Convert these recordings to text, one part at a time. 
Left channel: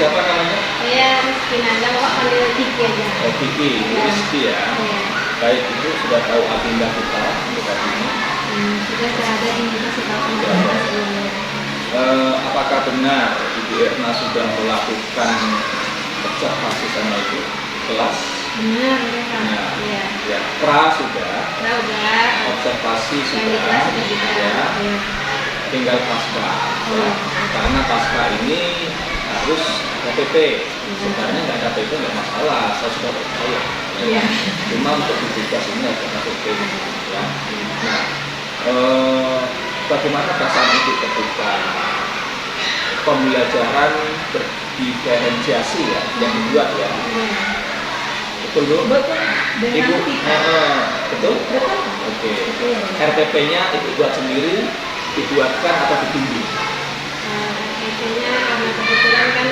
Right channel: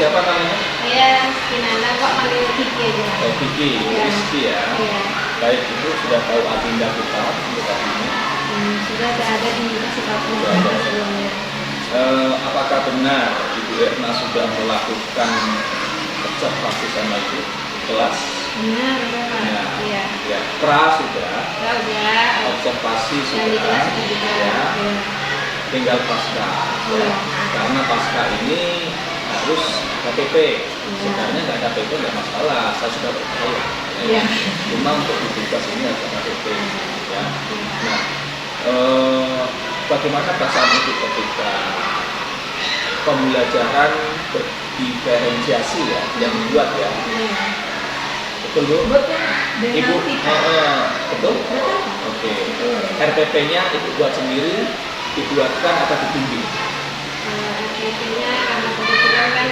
siapa namanya? Saya Rizky Nanda, Pak panggil Kiki aja. Oh, Kiki, Ya. Rizky ya. Iya. Baik, itu sudah tahu agenda kita untuk hari ini. Sudah ada indikasi tahu Sudah ada. sebelumnya. Apakah benar Ibu Erna sudah melakukan observasi sama Ibu kelas? Benar, Pak. Nah, Iya. ya, pra sudah, Sudah udah. observasi Yang di sudah, kelas juga. ya, Iya. tinggal pasca, Oh, ya. iya. Karena pasca ini harus KTP. Sebenarnya nggak KTP nggak masalah, saya sudah percaya. Iya. Cuma untuk di tugas ini ada KTP, ya. Nah, bagaimana perasaan Ibu ketika pembelajaran berdiferensiasi ya, yang dibuat ya? Betul Bu? Betul. Ibu, betul? Betul. Oke. Betul. RPP-nya Ibu buat sendiri, dibuatkan atau dibimbing? Biasanya karena kebetulan kan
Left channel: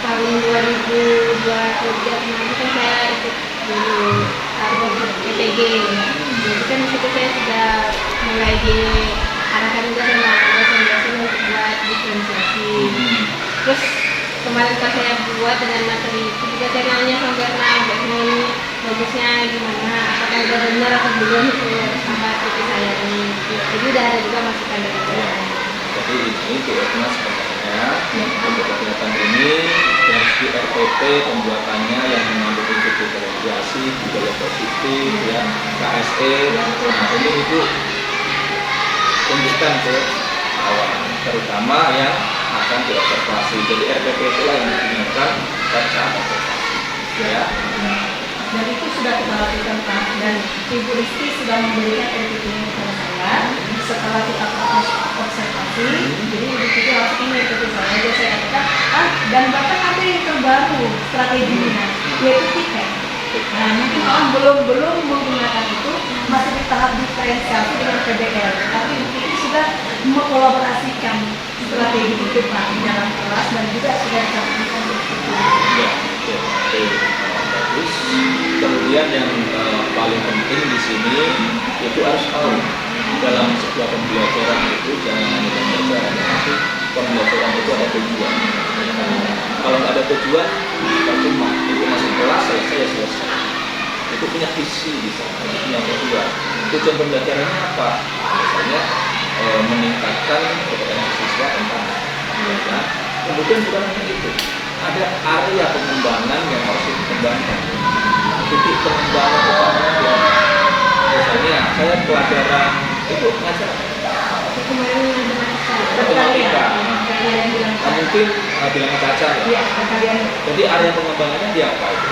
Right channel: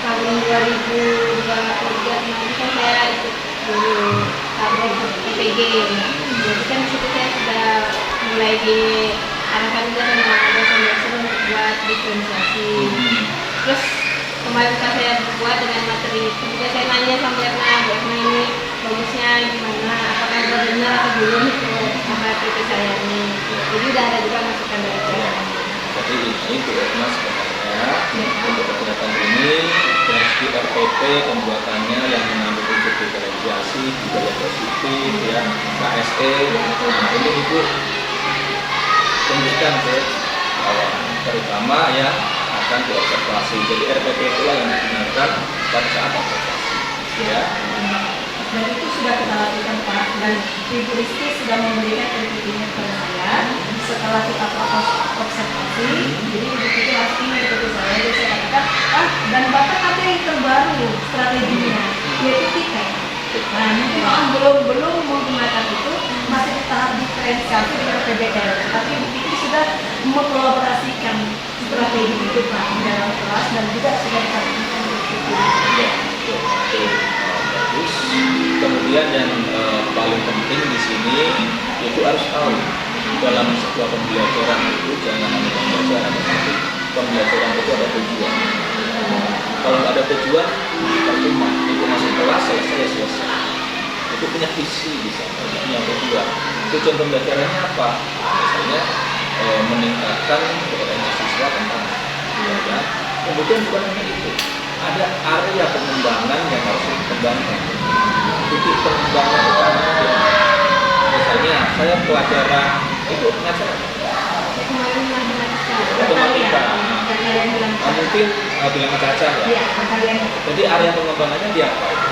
tahun 2023 kemarin kan saya ikut dulu tahun PTG. Jadi kan disitu saya sudah mulai diarahkan juga sama dosen-dosen untuk buat diferensiasi. Terus kemarin pas saya buat dengan materi itu juga saya nanya sama Erna, ini bagusnya gimana, apakah udah benar atau belum itu sama materi saya ini. Jadi udah ada juga masukan dari saya. Jadi ini Bu Erna sebenarnya untuk kegiatan ini dari RPP pembuatannya yang mengandung unsur diferensiasi, budaya positif, ya, KSE. Nah, ini Ibu tunjukkan ke kawan, terutama yang akan diobservasi. Jadi RPP itulah yang digunakan pada saat observasi, ya. Dan itu sudah kita lakukan Pak, dan Ibu Rizky sudah memberikan RPP-nya kepada saya setelah kita proses observasi. Jadi Ibu Rizky langsung mengikuti saya, jadi saya katakan, dan bahkan ada yang terbaru strateginya, yaitu tiket. Nah, mungkin orang belum menggunakan itu, masih di tahap diferensiasi dengan PBL, tapi Ibu Rizky sudah mengkolaborasikan strategi itu Pak di dalam kelas, dan juga sudah disampaikan di situ. Ya, bagus. Kemudian yang paling penting di sini itu harus tahu dalam sebuah pembelajaran itu jangan hanya pembelajaran, tetapi pembelajaran itu ada tujuan. Kalau nggak ada tujuan, percuma. Itu masuk kelas selesai. Itu punya visi di sana, punya tujuan. Tujuan pembelajarannya apa? Misalnya meningkatkan kompetensi siswa tentang pembelajaran. Kemudian bukan hanya itu, ada area pengembangan yang harus dikembangkan. Titik pengembangan utamanya ya, misalnya saya pelajaran itu ngajar Kemarin matematika. bilang Mungkin bilang Caca ya. Iya, kalian Jadi area pengembangannya di apa itu?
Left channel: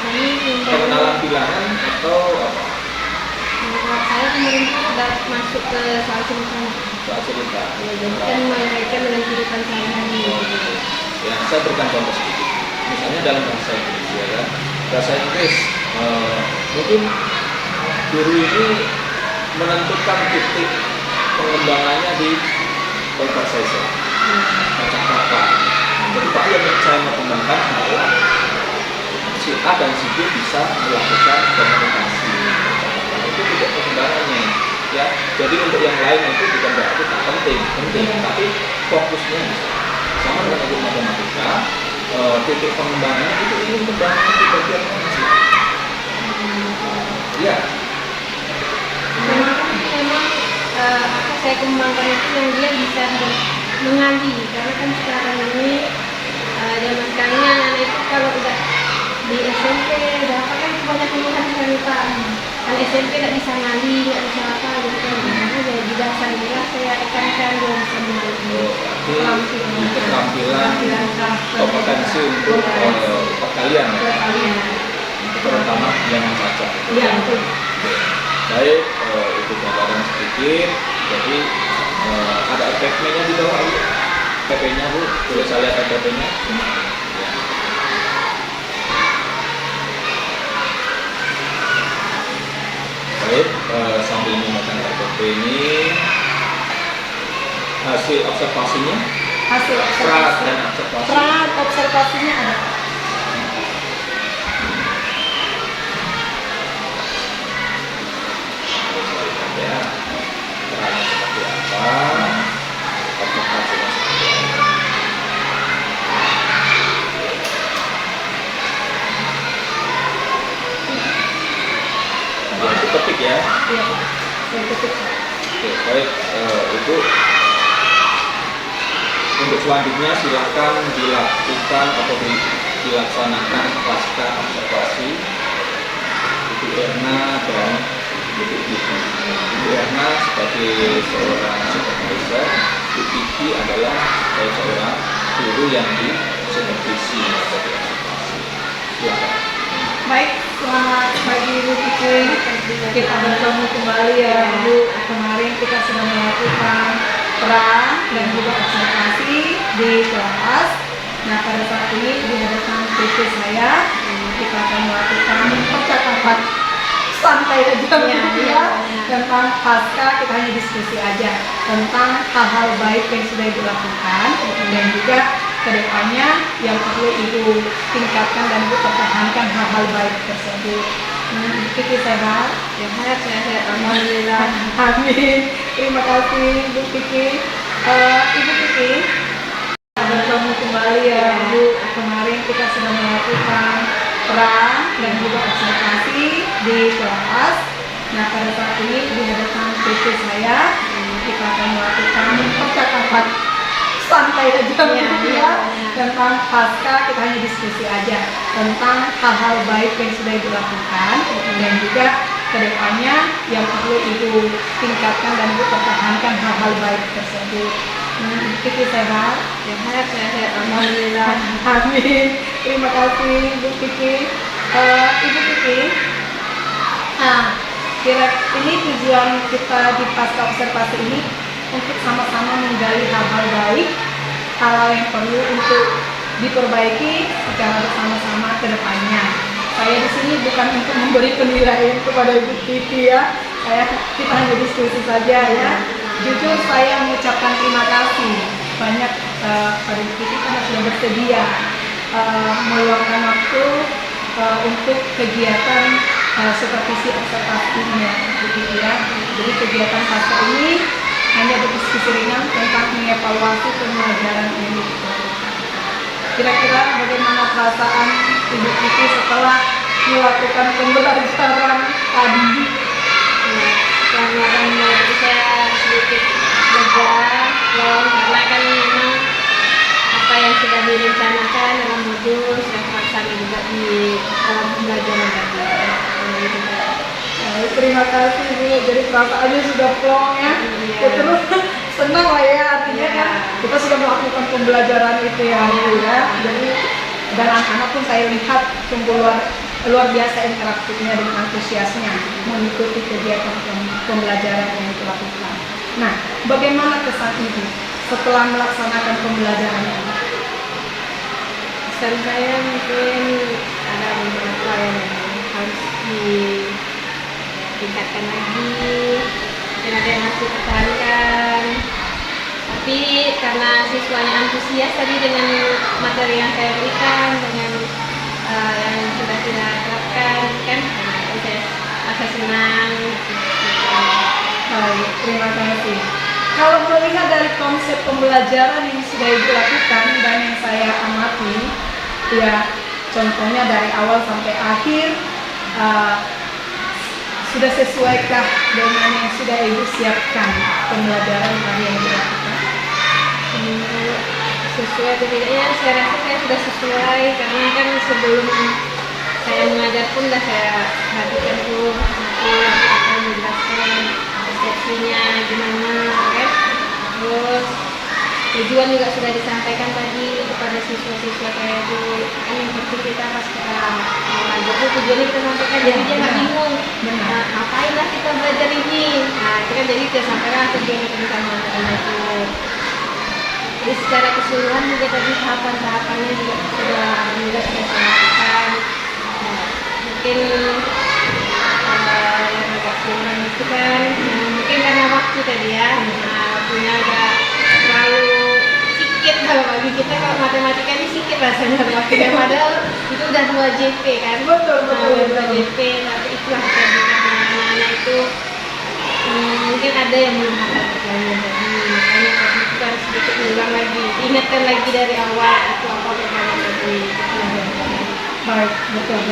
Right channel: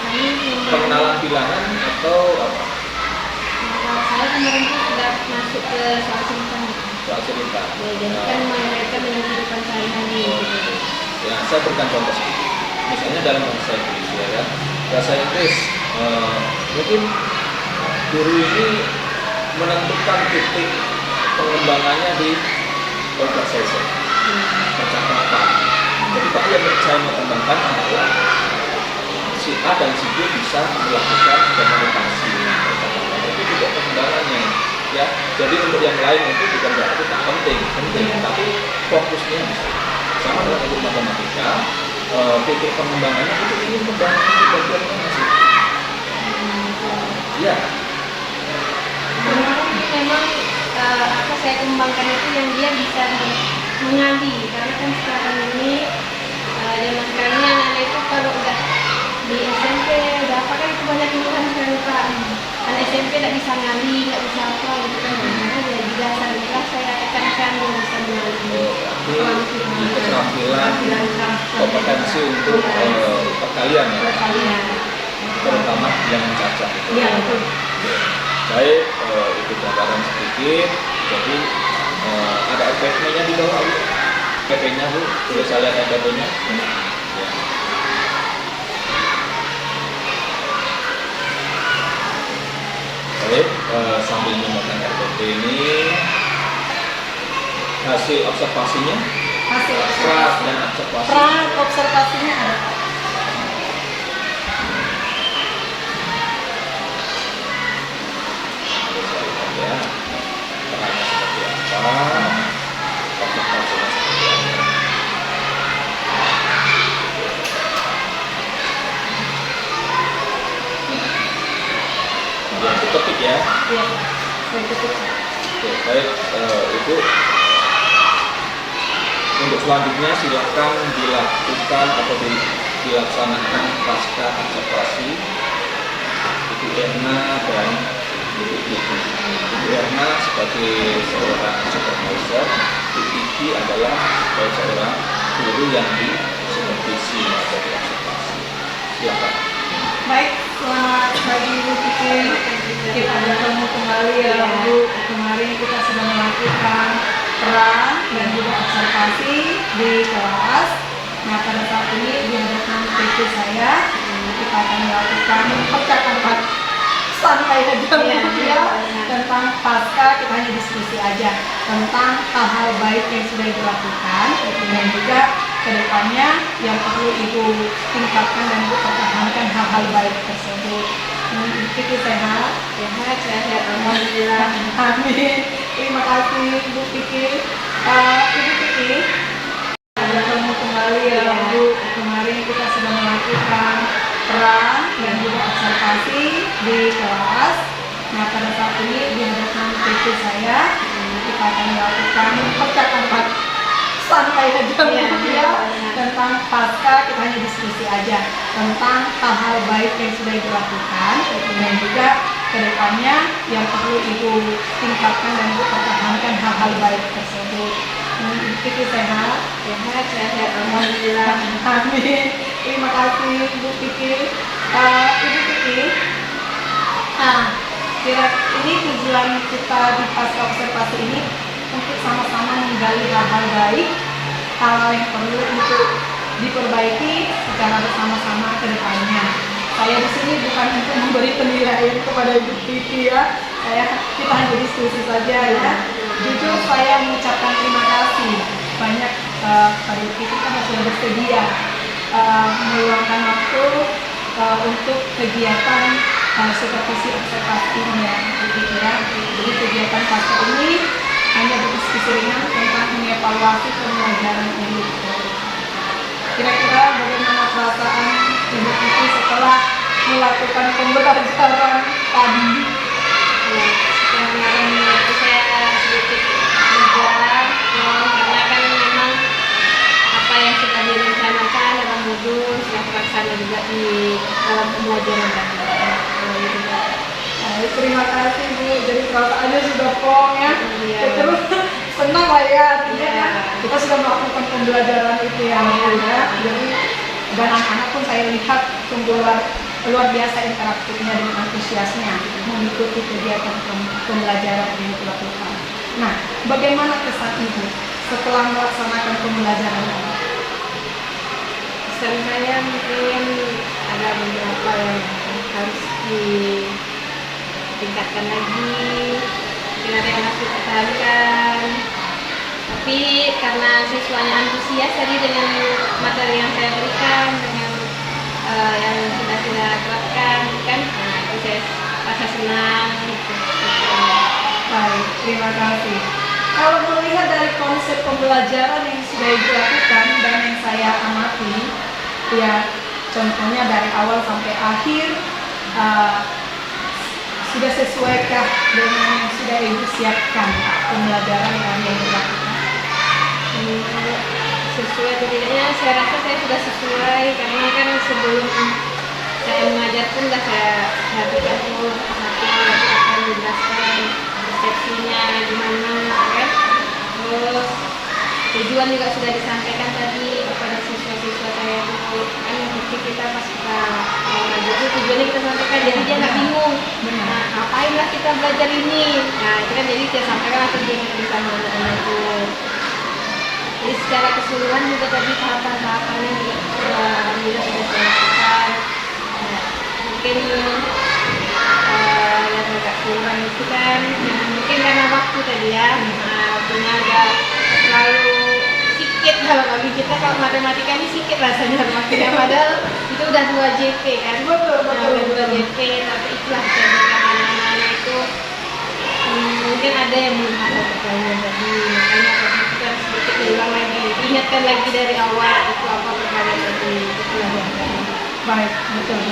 kami Pengenalan bilangan atau apa? saya kemarin itu sudah masuk ke soal cerita. Soal cerita. Ya, jadi kan mengaitkan dengan kehidupan sehari-hari. Gitu. Ya, saya berikan contoh sedikit. Misalnya dalam bahasa Inggris ya kan. Bahasa Inggris mungkin guru ini menentukan titik pengembangannya di conversation, percakapan. Jadi Pak yang saya mau kembangkan adalah si A dan si B bisa melakukan komunikasi, percakapan. Itu juga pengembangannya. Ya, jadi untuk yang lain itu bukan berarti tak penting, tapi fokusnya bisa. Sama dengan ilmu matematika, titik pengembangannya itu ingin kembangkan di bagian mana sih? Iya. Memang apa saya kembangkan itu yang dia bisa mengali, karena kan sekarang ini zaman sekarang ini anak-anak itu kalau udah di SMP udah apa kan itu banyak keluhan kan Pak. Kan SMP nggak bisa ngali, nggak bisa apa gitu kan. Makanya di dasar inilah saya tekankan dia bisa mengali. Berarti keterampilan kompetensi untuk perkalian ya, Perkalian. terutama yang membaca. Iya betul. Baik, itu gambaran sedikit. Jadi ada FPP-nya di bawah Bu. PP-nya Bu, boleh saya lihat FPP-nya? Ya. Baik, sambil memegang RPP ini hasil observasinya, hasil pra observasi. dan observasi. Pra observasinya ada. Ya, perannya seperti apa, observasinya seperti apa. ya. Iya Pak. Baik, cukup. Oke, baik Ibu. Untuk selanjutnya silakan dilakukan atau dilaksanakan pasca observasi Ibu Erna dan Ibu Kiki. Ibu Erna sebagai seorang supervisor, Ibu Kiki adalah sebagai seorang guru yang disupervisi atau diobservasi. Silakan. Baik, selamat pagi Ibu Kiki. Kita bertemu kembali ya Bu. Kemarin kita sudah melakukan peran dan juga observasi di kelas. Nah pada saat ini di hadapan PT saya kita akan melakukan percakapan santai aja ya, tentang pasca. Kita hanya diskusi aja tentang hal-hal baik yang sudah dilakukan dan juga kedepannya yang perlu Ibu tingkatkan dan Ibu pertahankan hal-hal baik tersebut. Kiki sehat? Sehat, alhamdulillah. Amin. Terima kasih Bu Kiki. Ibu Kiki, bertemu kembali ya Bu. Kemarin kita sudah melakukan peran dan juga observasi di kelas. Nah pada saat ini di hadapan PT saya kita akan melakukan percakapan santai aja ya, tentang pasca. Kita hanya diskusi aja tentang hal-hal baik yang sudah dilakukan dan juga kedepannya yang perlu Ibu tingkatkan dan Ibu pertahankan hal-hal baik tersebut. Kiki sehat? Sehat, alhamdulillah. Amin. Terima kasih Bu Kiki. Ibu Kiki, ini tujuan kita di pasca observasi ini untuk sama-sama menggali hal-hal baik, hal-hal yang perlu untuk diperbaiki secara bersama-sama ke depannya. Saya di sini bukan untuk memberi penilaian kepada Ibu Kiki ya. Kita hanya diskusi saja ya. Jujur saya mengucapkan terima kasih banyak pada Ibu Kiki karena sudah bersedia meluangkan waktu untuk kegiatan supervisi observasi ya Ibu Kiki ya. Jadi kegiatan pasca ini hanya berdiskusi ringan tentang mengevaluasi pembelajaran ini. Kira-kira bagaimana perasaan Ibu Kiki setelah melakukan pembelajaran tadi? Kemarin itu saya sedikit lega, karena kan memang apa yang sudah direncanakan dalam modul sudah terlaksana juga di dalam pembelajaran tadi. Terima kasih Bu, jadi perasaannya sudah plong ya. Terus senang lah ya, artinya kan kita sudah melakukan pembelajaran itu ya Bu ya. Jadi dan anak-anak pun saya lihat sungguh luar biasa interaktifnya dengan antusiasnya mengikuti kegiatan pembelajaran yang dilakukan. Nah, bagaimana kesan Ibu setelah melaksanakan pembelajaran ini? Kesan saya mungkin ada beberapa yang harus ditingkatkan lagi, mungkin ada yang harus dipertahankan. Tapi karena siswanya antusias tadi dengan materi yang saya berikan, dengan yang sudah kita terapkan, kan saya merasa senang. Baik, terima kasih. Kalau melihat dari konsep pembelajaran yang sudah dilakukan dan yang saya amati, ya contohnya dari awal sampai akhir, sudah sesuaikah dengan yang sudah Ibu siapkan pembelajaran tadi yang dilakukan? Sesuai tidaknya, saya rasa saya sudah sesuai karena kan sebelum saya mengajar pun sudah saya perhatikan tuh apa yang dijelaskan, persepsinya gimana kan. Terus tujuan juga sudah disampaikan tadi kepada siswa-siswa saya tuh kan yang seperti kita pas kita mengajar tuh tujuannya kita sampaikan, jadi dia nggak bingung. Nah, ngapain lah kita belajar ini? Nah itu kan jadi saya sampaikan lah tentang itu. Jadi secara keseluruhan juga tadi tahapan-tahapannya juga sudah saya lakukan. Nah, mungkin yang agak kurang itu kan mungkin karena waktu tadi ya. Nah, waktunya agak terlalu sedikit kalau bagi kita. Kalau matematika ini sedikit rasanya waktunya, padahal itu udah 2 JP kan. Betul. 2 JP, tapi itulah anak-anak itu mungkin ada yang belum hafal pertanyaan tadi, makanya tadi kita harus sedikit ulang lagi, ingatkan lagi dari awal itu apa pertanyaan tadi. Baik, betul.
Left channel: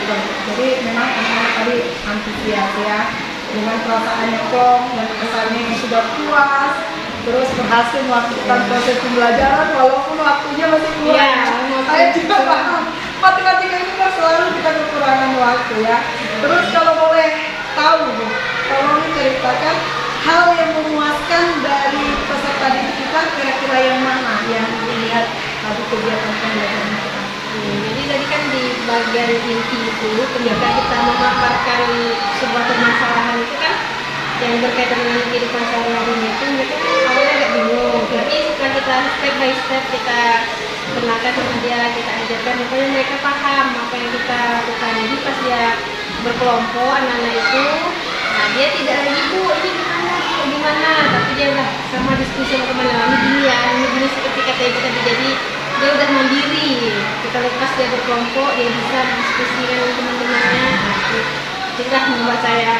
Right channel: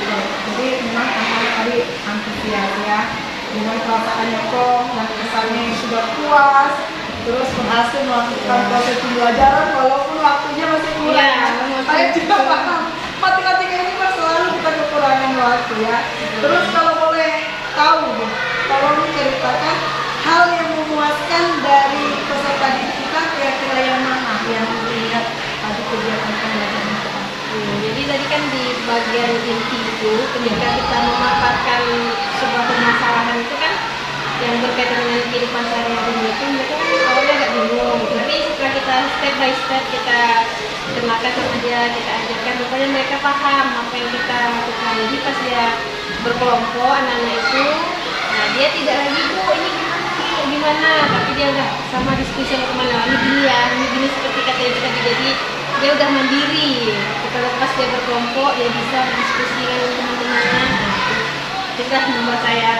Jadi memang anak-anak tadi antusias ya. dengan perasaannya plong dan kesannya yang sudah puas, terus berhasil melakukan proses pembelajaran walaupun waktunya masih kurang. Iya, Saya juga paham. Matematika ini kan selalu kita kekurangan waktu ya. Terus kalau boleh tahu, Bu, tolong ceritakan hal yang memuaskan dari peserta didik kita, kira-kira yang mana yang dilihat tadi kegiatan pembelajaran kita. Jadi tadi kan di bagian inti itu ketika kita memaparkan sebuah permasalahan itu kan yang berkaitan dengan kehidupan sehari-hari itu mereka kan awalnya agak bingung, tapi setelah kita step by step kita kenalkan sama dia, kita ajarkan, pokoknya mereka paham apa yang kita lakukan. Jadi pas dia berkelompok anak-anak itu, nah dia tidak lagi Bu ini gimana, tapi dia udah sama diskusi sama teman ini gini seperti kata ibu tadi. Jadi dia udah mandiri. Kita lepas dia berkelompok, dia bisa diskusi dengan teman-temannya. Sudah membuat saya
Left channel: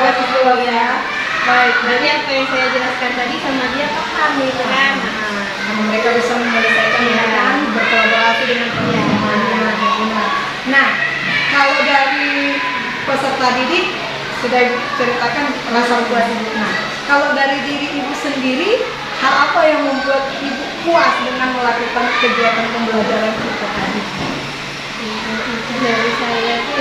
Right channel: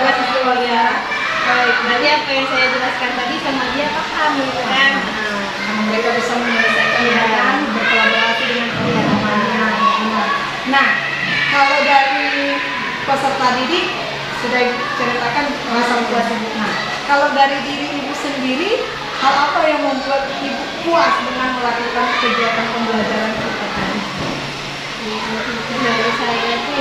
buat visual ya. Baik, nanti apa yang saya jelaskan tadi sama dia paham gitu kan. Sama mereka bisa menyelesaikan dengan berkolaborasi dengan teman-temannya. Nah, kalau dari peserta didik sudah ceritakan rasa puas ibu. Nah, kalau dari diri ibu sendiri, hal apa yang membuat ibu puas dengan melakukan kegiatan pembelajaran kita tadi? Dari saya itu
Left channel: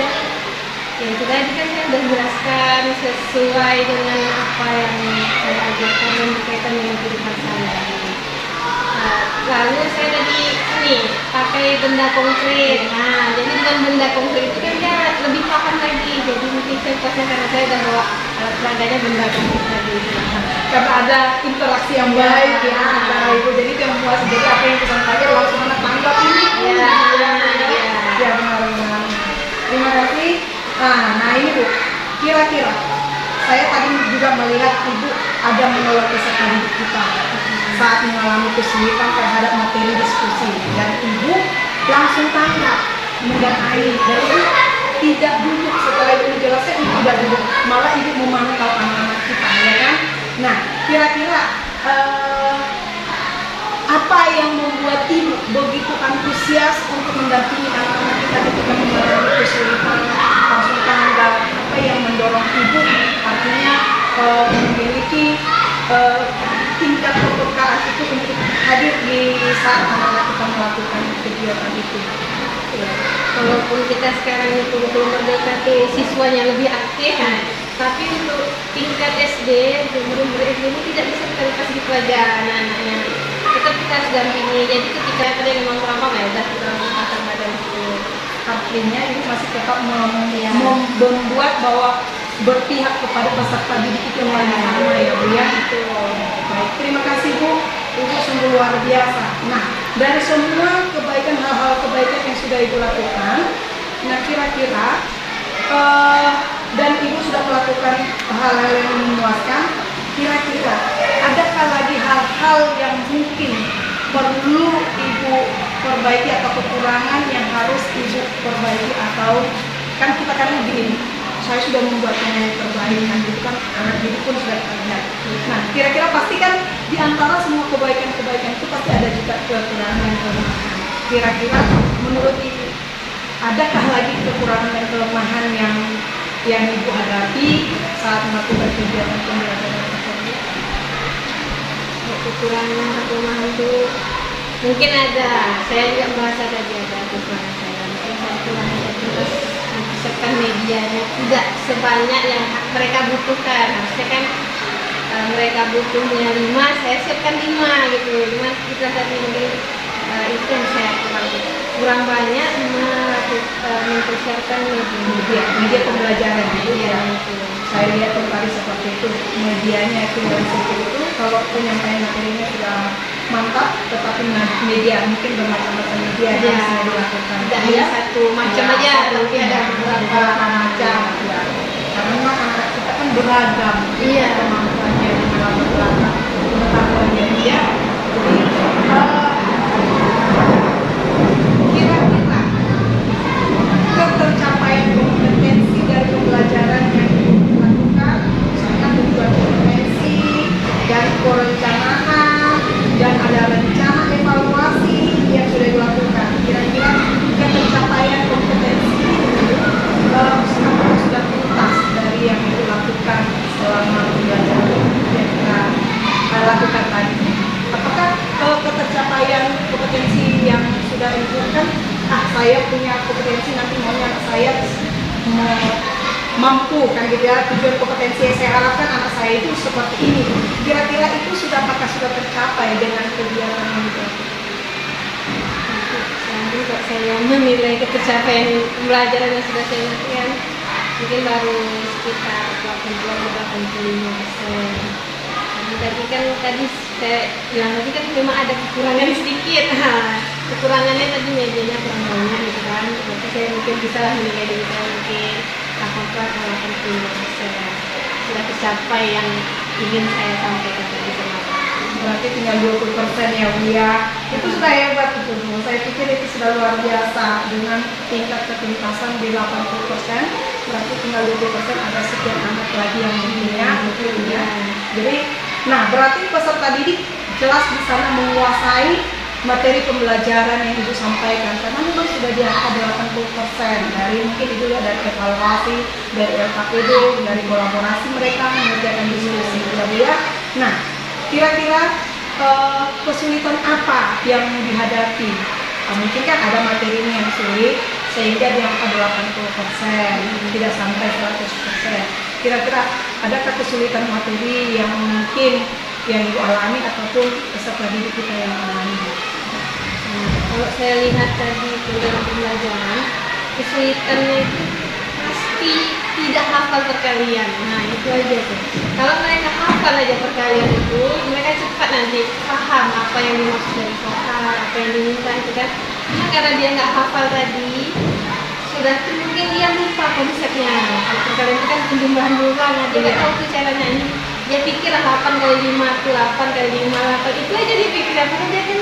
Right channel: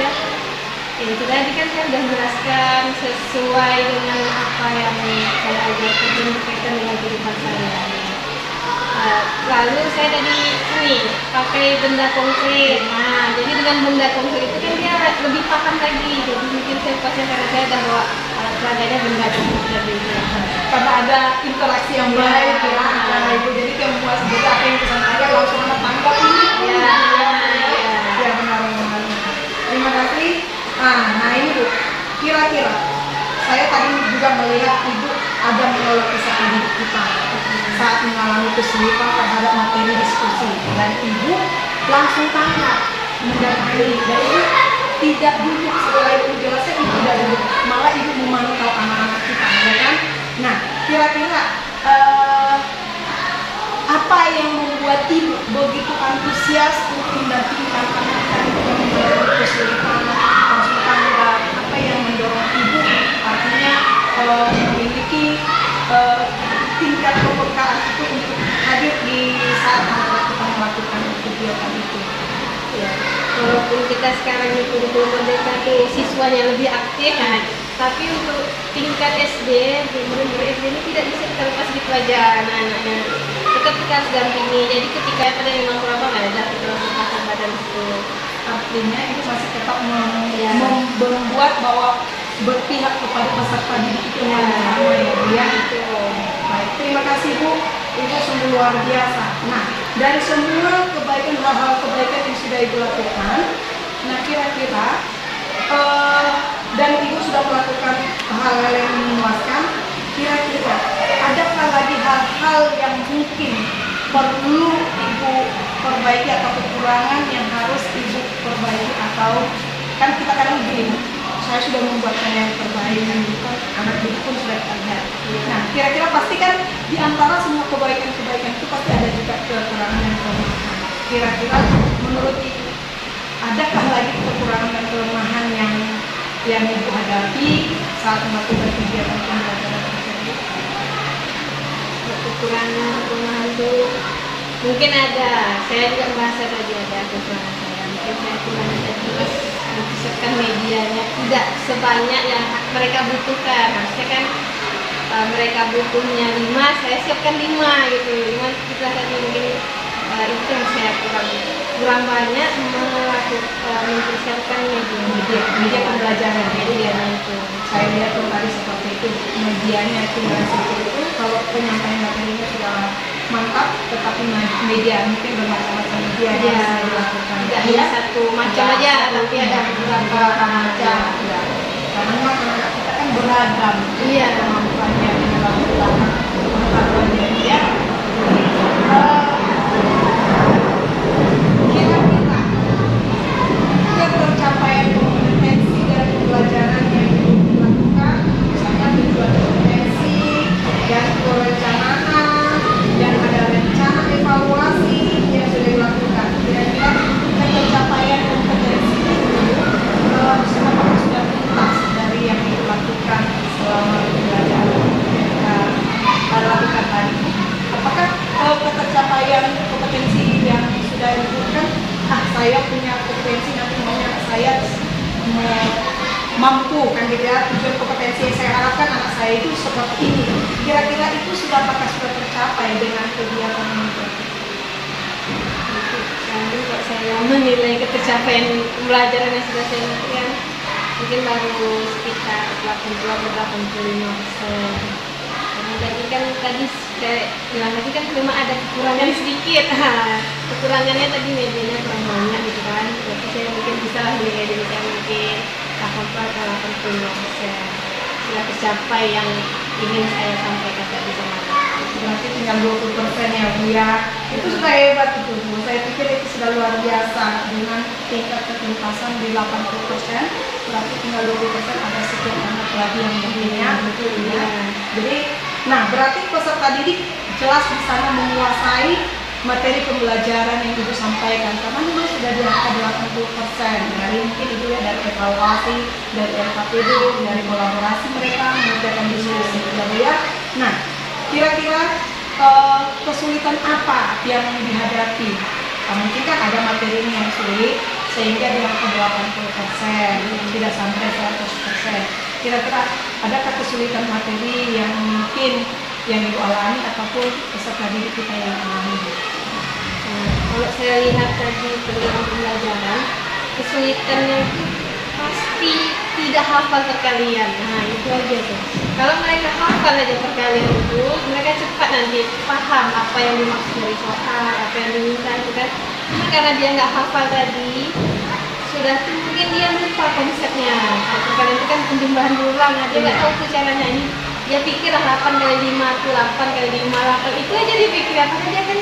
ya itu tadi kan saya sudah jelaskan sesuai dengan apa yang saya ajarkan dan berkaitan dengan kehidupan sehari-hari. Lalu saya tadi pakai benda konkret. Nah, jadi dengan benda konkret itu kan dia lebih paham lagi. Jadi mungkin saya puasnya karena saya sudah bawa alat peraganya benda konkret tadi. Karena ada interaksi yang baik ya antara ibu, jadi dia puas. Jadi apa yang kita sampaikan langsung anak tanggap ini. Ya benar. Terima kasih. Nah ini Bu, kira-kira saya tadi juga melihat ibu ada menolak peserta didik kita saat mengalami kesulitan terhadap materi diskusi, dan ibu langsung tanggap mendanai, dan ibu tidak duduk setelah ibu jelaskan, ibu tidak duduk, malah ibu memantau anak-anak kita, ya kan? Nah, kira-kira apa yang membuat ibu begitu antusias untuk mendampingi anak-anak kita yang mengalami kesulitan? Langsung tanggap. Apa yang mendorong ibu artinya memiliki tingkat kepekaan itu untuk hadir di saat anak-anak kita melakukan kegiatan itu? Ya, walaupun kita sekarang itu mendekati siswanya lebih aktif, tapi untuk tingkat SD, guru-guru SD ini tidak bisa kita lepas gitu aja anak-anaknya. Tetap kita harus dampingi. Jadi ketika ada yang memang kurang paham, ya kita pasang badan itu. Artinya itu masih tetap membuat bahwa berpihak kepada peserta didik itu yang sama ya Bu ya. Baik, terima kasih Bu, Ibu sungguh luar biasa. Nah, dari semua kebaikan, hal-hal kebaikan yang sudah Ibu lakukan, nah kira-kira dan Ibu sudah melakukan hal-hal yang memuaskan, kira-kira adakah lagi hal-hal yang mungkin perlu Ibu perbaiki atau kekurangan yang harus Ibu perbaiki? Atau kan kita kan begini, saya sudah membuatnya yang terbaik, kan bukan anak didik pun sudah terlihat. Nah, kira-kira pasti kan di antara semua kebaikan-kebaikan itu pasti ada juga kekurangan dan kelemahan. Kira-kira menurut Ibu, adakah lagi kekurangan dan kelemahan yang Ibu hadapi saat melakukan kegiatan pembelajaran tersebut? Kekurangan kelemahan itu mungkin ada. Saya juga merasa tadi ada kekurangan saya. Mungkin saya kurang terus mempersiapkan medianya tidak sebanyak yang mereka butuhkan. Harusnya kan mereka butuhnya 5, saya siapkan 5 gitu. Cuma kita tadi mungkin itu yang saya kurang banyak mempersiapkan media pembelajaran. Iya itu. Saya lihat tuh tadi seperti itu, medianya itu yang seperti itu. Kalau penyampaian materinya sudah mantap, tetapi media mungkin bermacam-macam media yang bisa dilakukan. Tidak hanya satu macam aja, tapi ada beberapa macam. Ya. Karena memang anak kita kan beragam, iya, kemampuannya beragam, pengetahuannya dia. Kira-kira ketercapaian kompetensi dari pembelajaran yang dilakukan, misalnya tujuan kompetensi dan perencanaan, dan ada rencana evaluasi yang sudah dilakukan. Kira-kira ketercapaian kompetensi itu apakah sudah tuntas dari yang saya punya kompetensi, nanti maunya anak saya mampu kan gitu ya, tujuan kompetensi yang saya harapkan anak saya itu seperti ini. Kira-kira itu apakah sudah tercapai dengan kegiatan ini? Nanti kok saya menilai ketercapaian pembelajaran yang sudah saya lakukan mungkin baru sekitar 80-85%. Tadi saya bilang tadi kan memang ada kekurangan sedikit. Kekurangannya tadi medianya kurang banyak gitu kan. Berarti saya mungkin bisa lah menilai diri saya mungkin 80-85% sudah tercapai yang ingin saya sampaikan tadi sama Bapak. Berarti tinggal 20% ya Bu ya. Itu sudah hebat itu Bu. Saya pikir itu sudah luar biasa dengan tingkat ketuntasan di 80%. Berarti tinggal 20% ada sekian anak lagi yang punya gitu ya. Jadi, nah berarti peserta didik jelas di sana menguasai materi pembelajaran yang Ibu sampaikan karena memang sudah di angka 80% dari mungkin itu ya dari evaluasi, dari LKPD, dari kolaborasi mereka mengerjakan diskusi ya Bu ya. Nah, kira-kira kesulitan apa yang dihadapi? Mungkin kan ada materi yang sulit sehingga di angka 80%, tidak sampai 100%. Kira-kira adakah kesulitan materi yang mungkin yang Ibu alami ataupun peserta didik kita yang alami? Kalau saya lihat tadi program pembelajaran, kesulitannya itu pasti tidak hafal perkalian. Nah itu aja tuh. Kalau mereka hafal aja perkalian itu, mereka cepat nanti paham apa yang dimaksud dari soal, apa yang diminta itu kan. Cuma karena dia nggak hafal tadi, sudah tuh mungkin dia lupa konsepnya. Perkalian itu kan penjumlahan berulang, dia nggak tahu tuh caranya ini. Dia pikir 8 kali 5 itu 8 kali 5 8 itu aja dia pikir apa aja kan.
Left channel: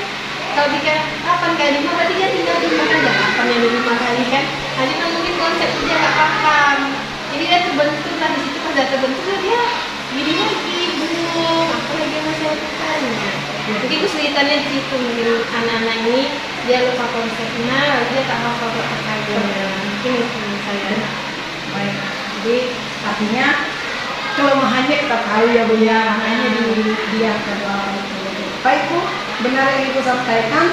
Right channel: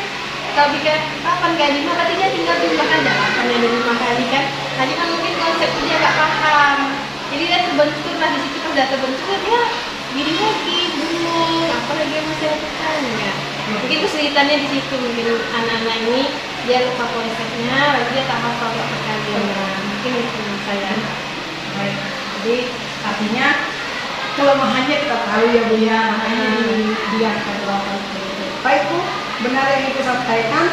Kalau pikir 8 kali 5 berarti dia tinggal jumlahkan 8 yang 5 kali kan. Nah cuma mungkin konsep dia nggak paham. Jadi dia terbentur lah di situ pas udah terbentur dia jadi lagi bingung apa lagi yang masih lakukan ya. Mungkin kesulitannya di situ mungkin anak-anak ini dia lupa konsepnya, lalu dia tak hafal perkalian. Mungkin itu saya. Baik. Jadi artinya kelemahannya kita tahu ya Bu ya, makanya di angka 80. Baik Bu, benar yang Ibu sampaikan,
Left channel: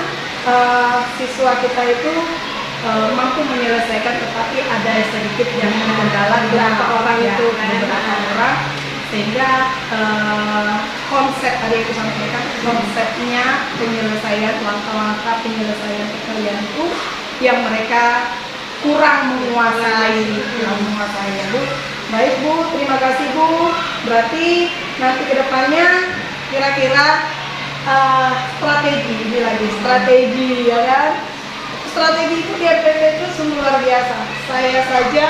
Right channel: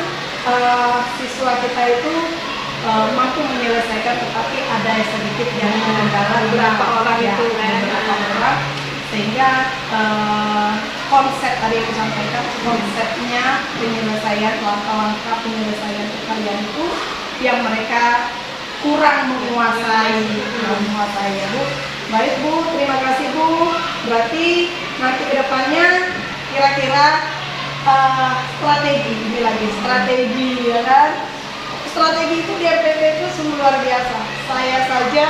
siswa kita itu mampu menyelesaikan, tetapi ada sedikit yang kendala beberapa orang ya, itu beberapa orang sehingga konsep tadi Ibu sampaikan, konsepnya penyelesaian langkah-langkah penyelesaian perkalian itu yang mereka kurang menguasai ya Bu. Baik Bu, terima kasih Bu. Berarti nanti kedepannya kira-kira strategi ya kan? Strategi itu di MPP itu sungguh luar biasa. Saya saja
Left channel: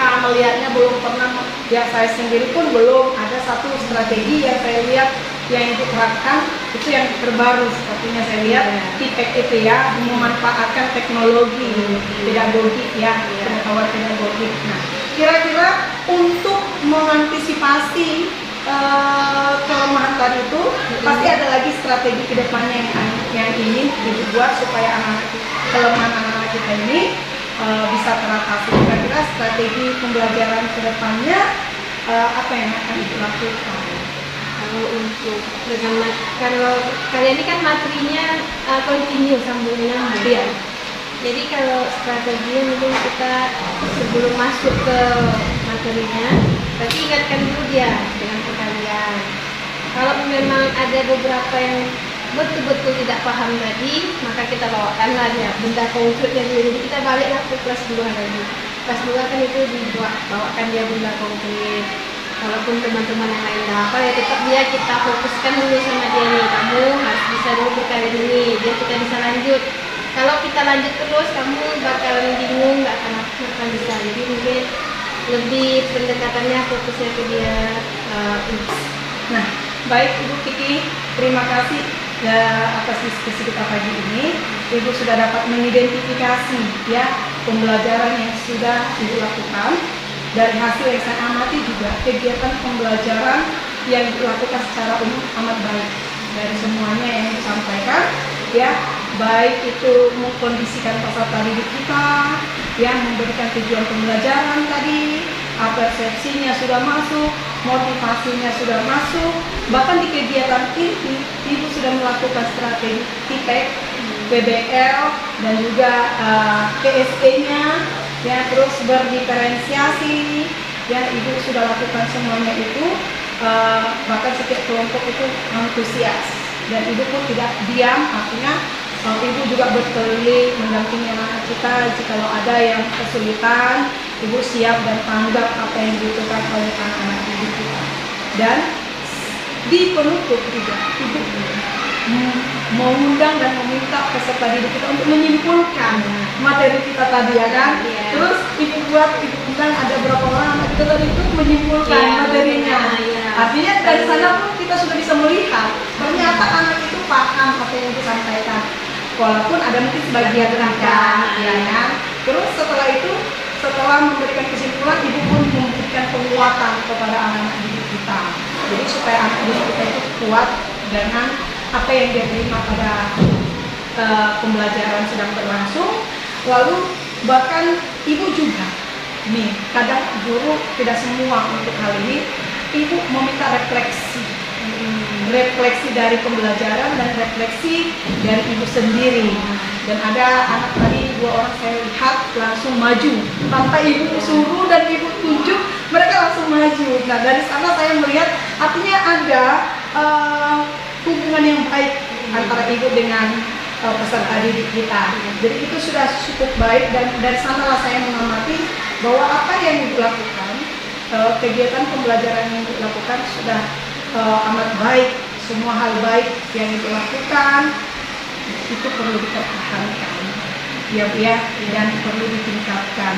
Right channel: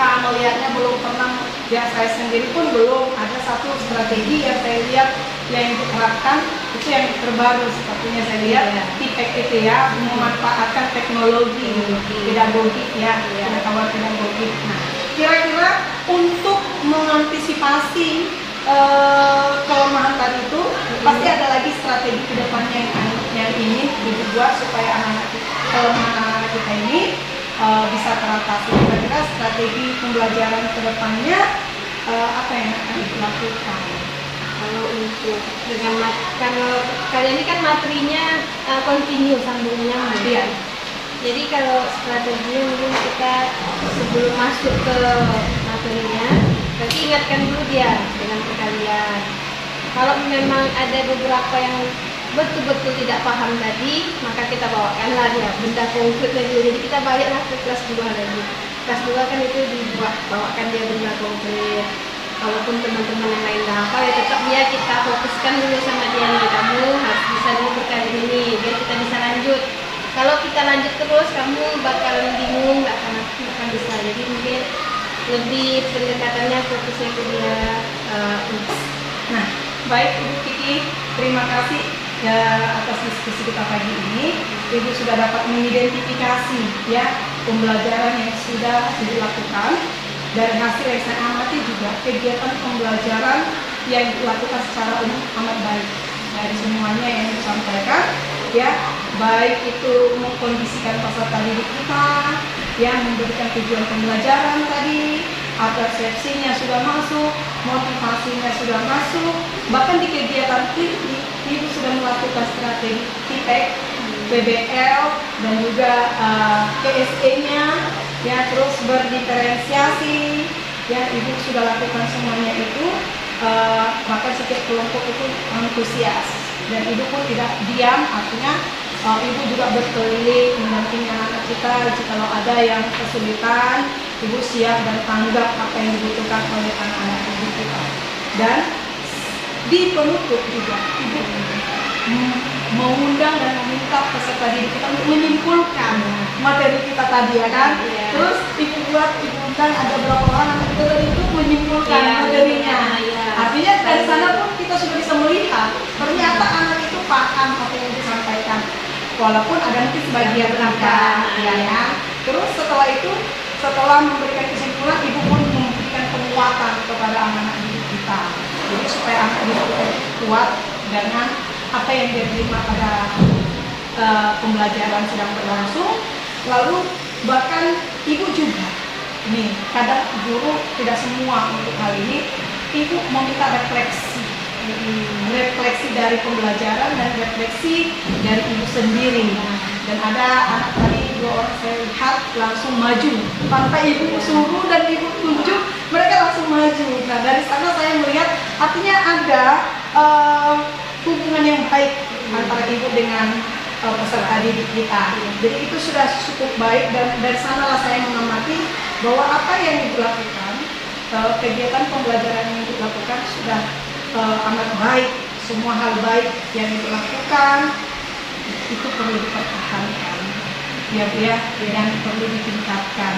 melihatnya belum pernah, ya saya sendiri pun belum ada satu strategi yang saya lihat yang diterapkan itu yang terbaru sepertinya saya lihat TIPEK itu ya, memanfaatkan teknologi pedagogik ya, pengetahuan pedagogik. Nah, kira-kira untuk mengantisipasi kelemahan tadi itu pasti ada lagi strategi kedepannya yang ingin dibuat supaya kelemahan anak-anak kita ini bisa teratasi. Kira-kira strategi pembelajaran kedepannya apa yang akan dilakukan? Kalau untuk kalau kalian ini kan materinya continue sambung nyambung. Iya. Jadi kalau strateginya mungkin kita sebelum masuk ke materinya, berarti ingatkan dulu dia dengan perkalian. Kalau memang ada beberapa yang betul-betul tidak paham tadi, maka kita bawakanlah dia benda konkretnya dulu. Jadi kita baliklah ke kelas 2 lagi. Kelas 2 kan itu bawakan dia benda konkret. Walaupun teman-teman yang lain apa ya tetap dia kita fokuskan dulu sama dia nih, kamu harus bisa dulu perkalian ini, biar kita bisa lanjut. Kalau kita lanjut terus, kamu bakalan bingung, nggak akan bisa. Jadi mungkin lebih pendekatannya fokusnya ke dia. Nah, baik Ibu Kiki, terima kasih ya atas diskusi kita pagi ini. Ibu sudah dapat mengidentifikasi ya pembelajaran yang sudah dilakukan. Dari hasil yang saya amati juga kegiatan pembelajaran yang dilakukan secara umum amat baik dari semuanya yang disampaikan ya, baik itu mengkondisikan peserta didik kita yang memberikan tujuan pembelajaran tadi, persepsinya sudah masuk, motivasinya sudah masuk, bahkan di kegiatan ini Ibu sudah melakukan strategi TIPEK PBL dan juga KSE-nya, ya, terus berdiferensiasi, ya, ibu sudah lakukan semuanya itu, bahkan setiap kelompok itu antusias dan ibu pun tidak diam, artinya ibu juga berkeliling mendampingi anak-anak kita. Jikalau ada yang kesulitan, ibu siap dan tanggap apa yang dibutuhkan oleh anak-anak ibu kita. Dan di penutup juga ibu mengundang dan meminta peserta didik kita untuk menyimpulkan materi kita tadi, ya kan? Iya. Terus ibu undang ada berapa orang anak kita tadi itu menyimpulkan Iya, materinya. iya. Artinya dari sana pun kita sudah bisa melihat ternyata anak itu paham apa yang disampaikan, walaupun ada mungkin sebagian tidak, ya kan? Terus setelah itu, setelah memberikan kesimpulan, ibu pun memberikan penguatan kepada anak-anak didik kita. Jadi supaya anak didik kita itu kuat dengan apa yang dia terima pada pembelajaran sedang berlangsung. Lalu bahkan ibu juga, nih kadang guru tidak semua untuk hal ini, ibu meminta refleksi dari pembelajaran dan refleksi dari ibu sendiri. Dan ada anak tadi 2 orang saya lihat langsung maju tanpa ibu suruh dan ibu tunjuk, mereka langsung maju. Nah dari sana saya melihat artinya ada hubungan yang baik antara ibu dengan peserta didik kita. Jadi itu sudah cukup baik, dan dari sanalah saya mengamati bahwa apa yang dilakukan, kegiatan pembelajaran yang dilakukan sudah amat baik. Semua hal baik yang dilakukan itu perlu dipertahankan, ya Bu ya, dan perlu ditingkatkan.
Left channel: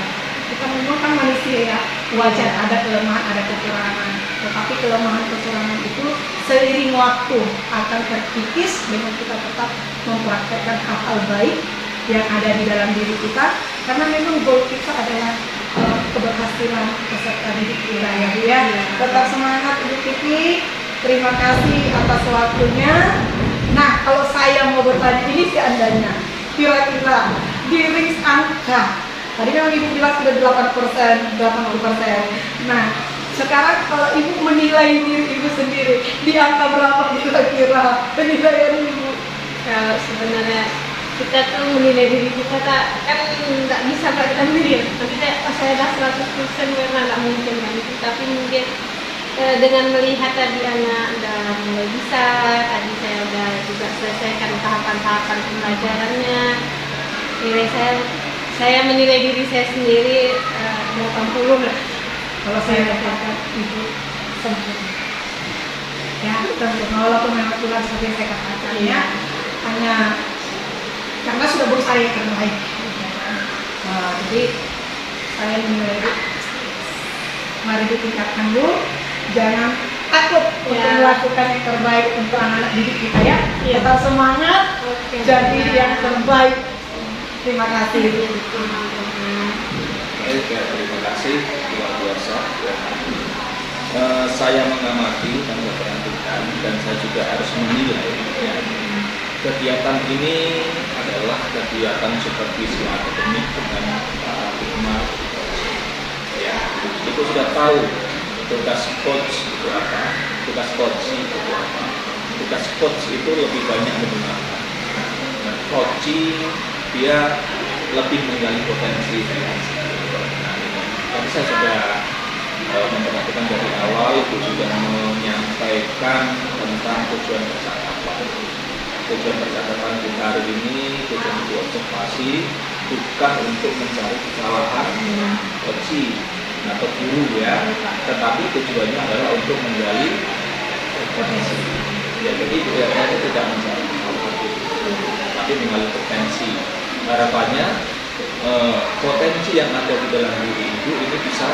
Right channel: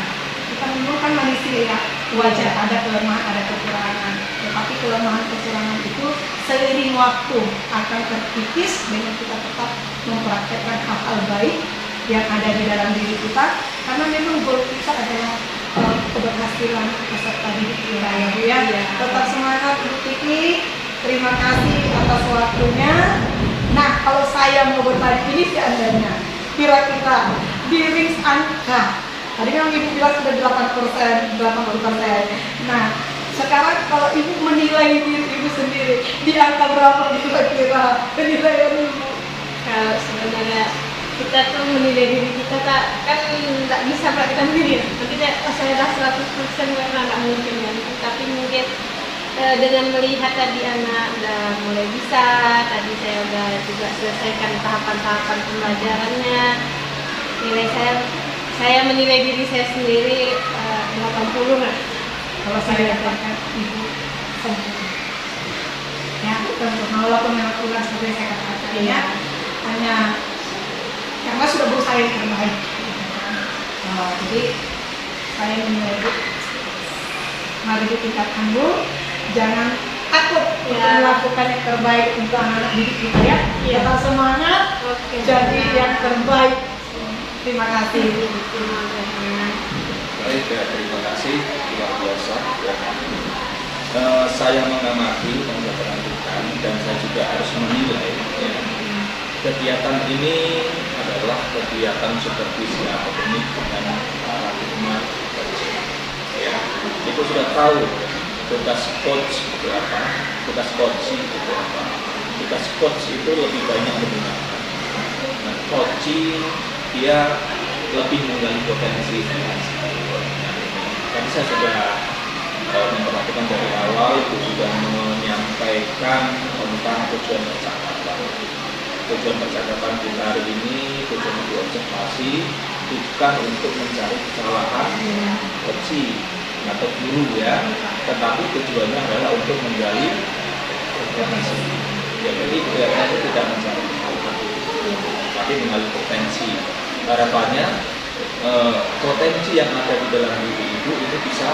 Kita memang kan manusia ya, wajar ada kelemahan, ada kekurangan. Tetapi kelemahan kekurangan itu seiring waktu akan terkikis dengan kita tetap mempraktekkan hal-hal baik yang ada di dalam diri kita. Karena memang goal kita adalah keberhasilan peserta didik kita, ya Bu ya. Tetap semangat Ibu Kiki. Terima kasih atas waktunya. Nah, kalau saya mau bertanya ini seandainya, kira-kira di range angka, tadi memang Ibu bilang sudah 80%. Nah, sekarang kalau Ibu menilai diri Ibu sendiri, di angka berapa kira-kira penilaian Ibu? Kalau sebenarnya kita tuh menilai diri kita kan nggak bisa kita menilai. Nanti saya dah 100% karena nggak mungkin kan. Tapi mungkin dengan melihat tadi anak udah mulai bisa, tadi saya udah juga selesaikan tahapan-tahapan pembelajarannya. Nilai saya menilai diri saya sendiri 80 lah. Kalau saya katakan Ibu sempurna. Ya, sempurna walaupun memang kurang seperti saya katakan ya. Hanya karena sudah berusaha yang terbaik. Jadi saya menilai Ibu, mari ditingkatkan dulu. Jangan takut untuk melakukan yang terbaik untuk anak-anak didik kita ya. Tetap semangat, jadi yang terbaik. Terima kasih. Baik, ya, terima kasih, luar biasa. Ya. Saya mengamati dan saya perhatikan, dan saya juga harus menilai. Ya. Kegiatan ini adalah kegiatan supervisi akademik dengan paradigma coaching. Ya, itu sudah tahu tugas coach itu apa, tugas coaching itu apa. Tugas coach itu lebih banyak mendengarkan. Nah, coaching dia lebih menggali potensi finansial. Nah, tadi saya sudah memperhatikan dari awal, itu sudah menyampaikan tentang tujuan percakapan. Tujuan percakapan kita hari ini, tujuan untuk observasi, bukan untuk mencari kesalahan coaching atau guru ya, tetapi tujuannya adalah untuk menggali potensi. Ya, jadi tujuannya itu tidak mencari kesalahan itu, tapi menggali potensi. Harapannya potensi yang ada di dalam diri ibu ini bisa